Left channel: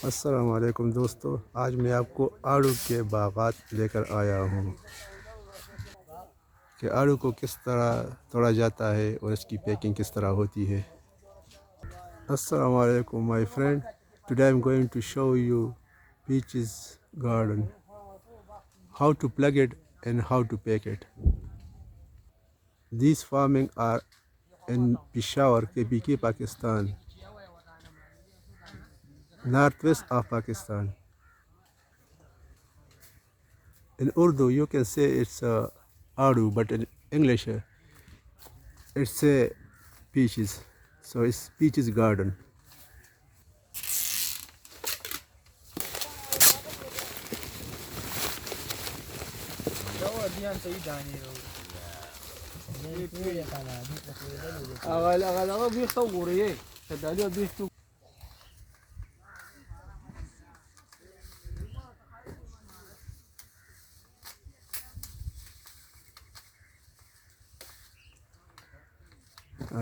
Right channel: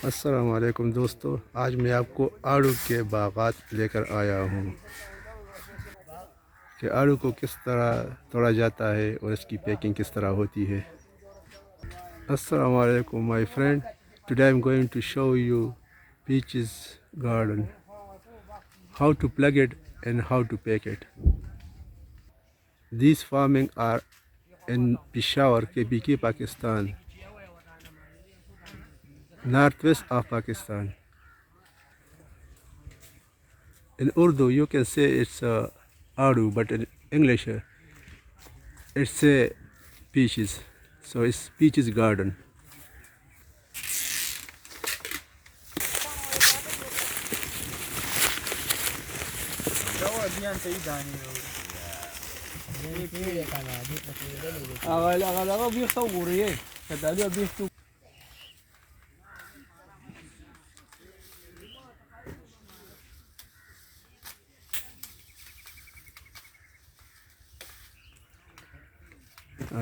अस्सलाम वालेकुम दोस्तों, आज मैं आपको आड़ू के बागात लेकर आया हूँ कि आड़ू को किस तरह तोड़ा जाता है और इसकी पैकिंग किस तरह होती है। अस्सलाम वालेकुम my friend, today I am going to show you peaches garden, how to plug it and how to pack it. These farming are in Peshawar, KPK, Pakistan, northwest of Pakistan. In Urdu you can say it's Aroo, but in English it's a peaches, so it's peaches garden.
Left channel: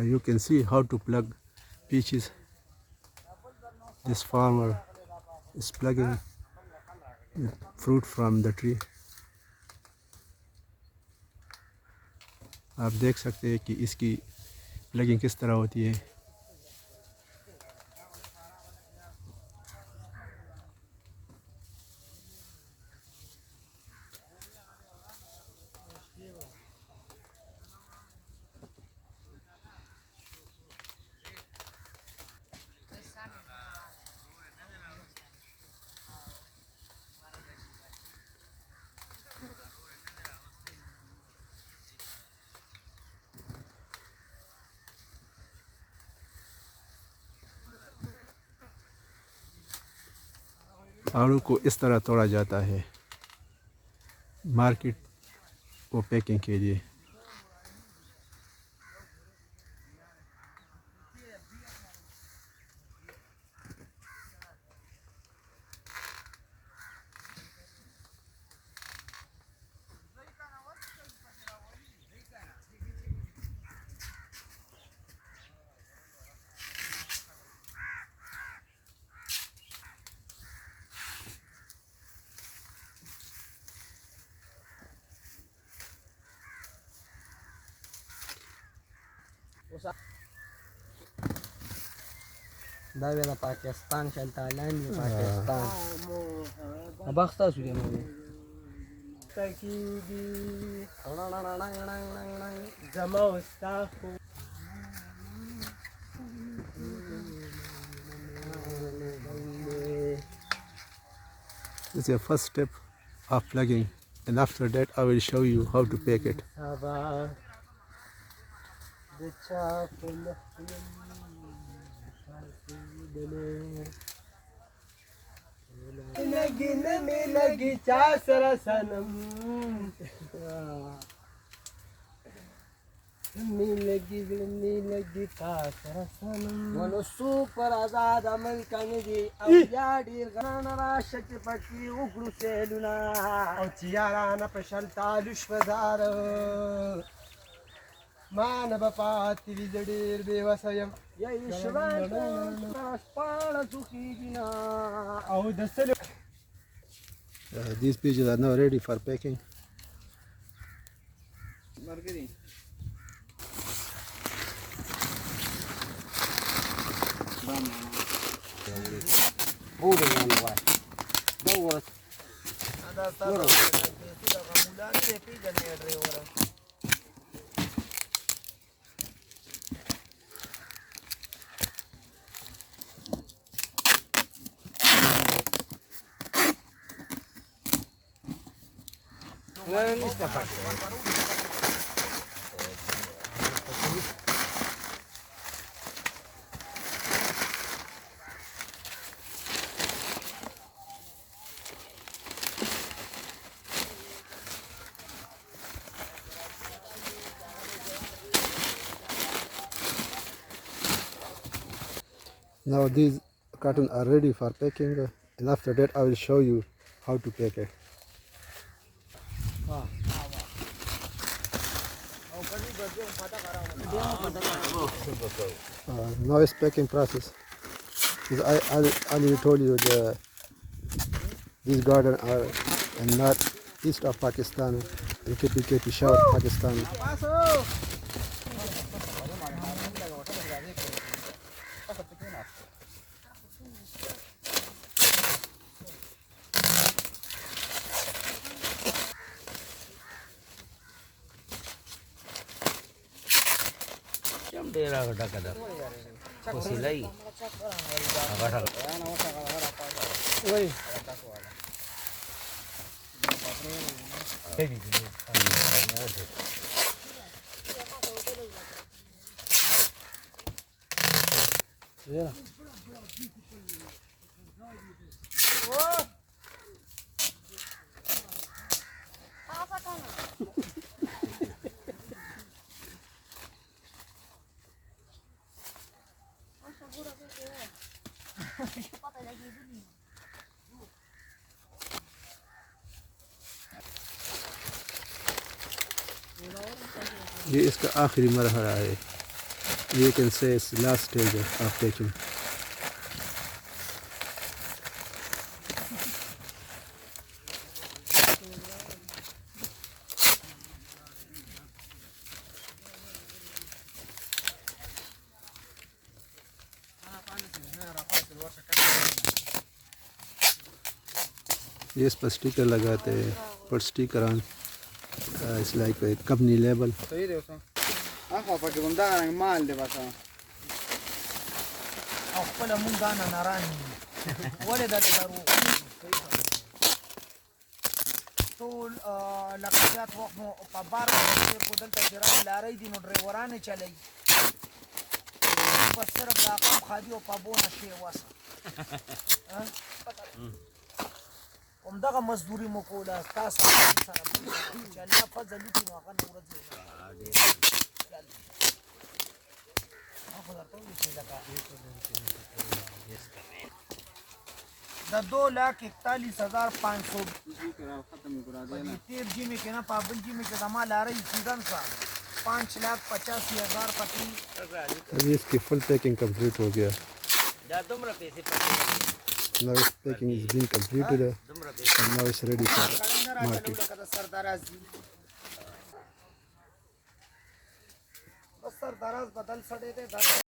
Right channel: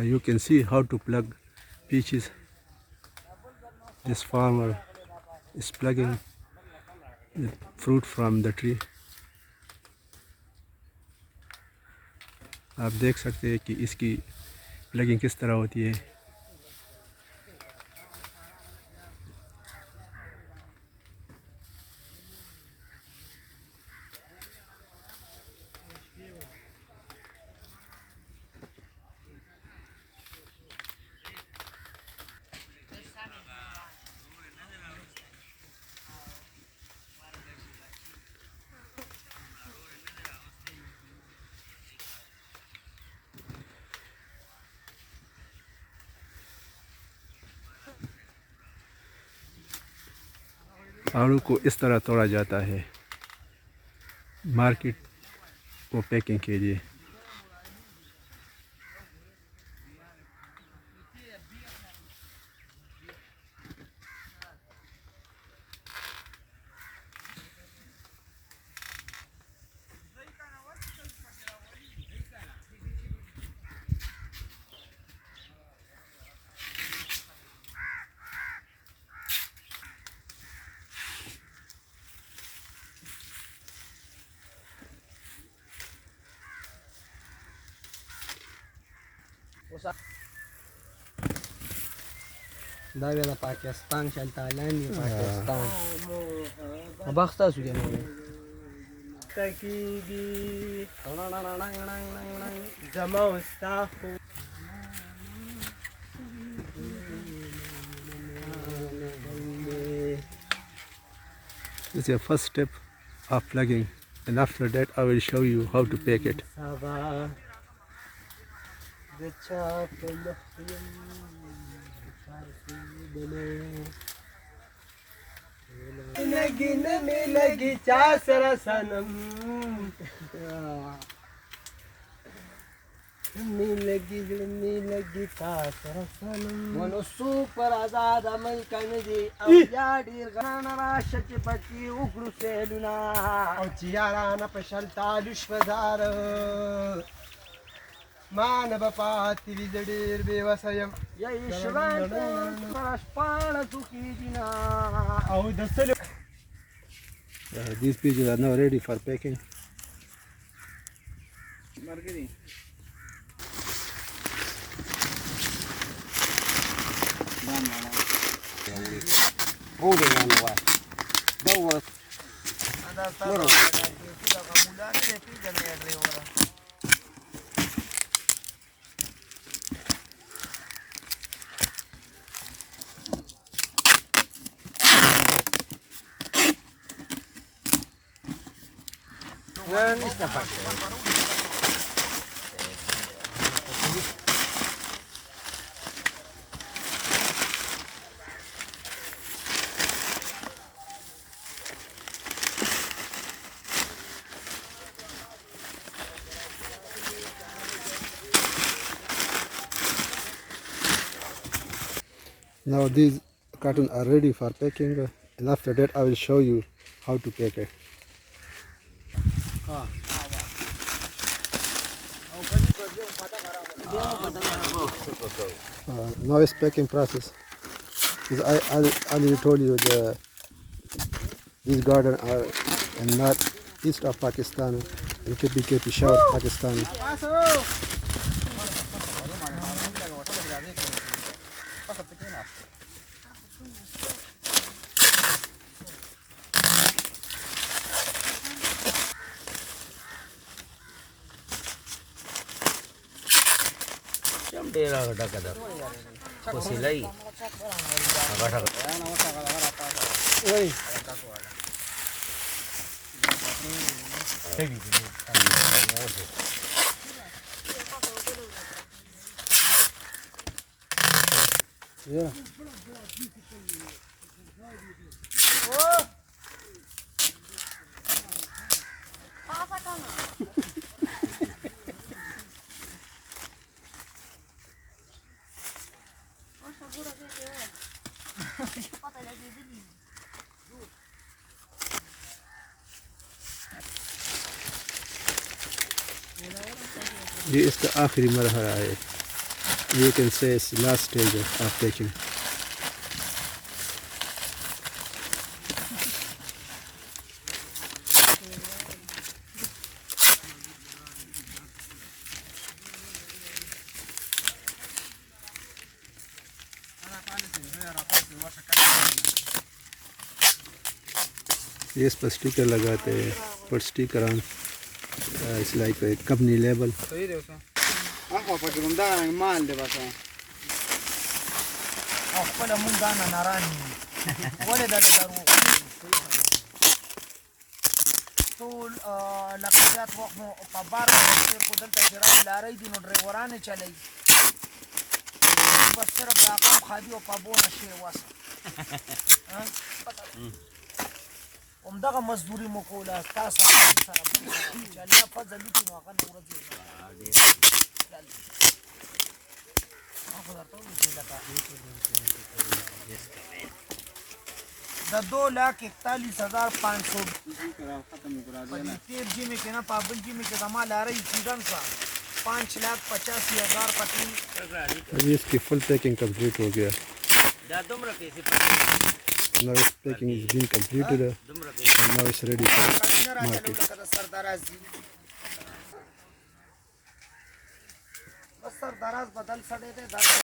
You can see how to plug peaches. This farmer is plugging the fruit from the tree. आप देख सकते हैं कि इसकी plugging किस तरह होती है। आड़ू को इस तरह तोड़ा जाता है मार्केट को पैकिंग के लिए। دا بیا د پاکستان شلته لاندې پاکستان ابخته شو کنه تکیږي زما واستاخو This is your first step of plugging, and after that I will show you how to pack it. लगी न में लगी चासर सनम लगी चासर सनम मनो सुपर आजाद अमल कनजी अब याडी गाना राशच पकी उगड़ू सेलुना औ चियारा न पशलता दुश्वदार मानव पाती विजडीर बेवसयम या ईश्वर परस्पाळ सुखी दिना औ दसल These peaches are now ready for packing. Marketing. Now these cartons are ready for packing, and after that I will show you how to pack it. Now it's packing process. Because I already told you these gardens are in northeast of Pakistan, in KP Peshawar, Pakistan. Yeah. ये इसका आखिरी मरहला है. You can say it's the last stage of packing. ये इस पर sticker लगाते हैं, पर sticker on it's like a company label. ټول لکه زیات وخت مو په بار باندې کو دلته جرام لارې دي نو ډرایورانه چلی بس صرف دا قام خادي او په بونه شي واسه همدغه مزدوري مو کوله تاسو سره چې الله فضل وکړي نو هغه نور دی دا 2,41,500 پدې تیر جیمه کې نه پابل جیمه کې د مال لارې سیدان سا 5,85,000 پټي. अभी इसकी फुल पैकिंग कंप्लीट हो गया. Now its packing is being completed and now it's ready for market. बस सर दराज बदल सड़े थे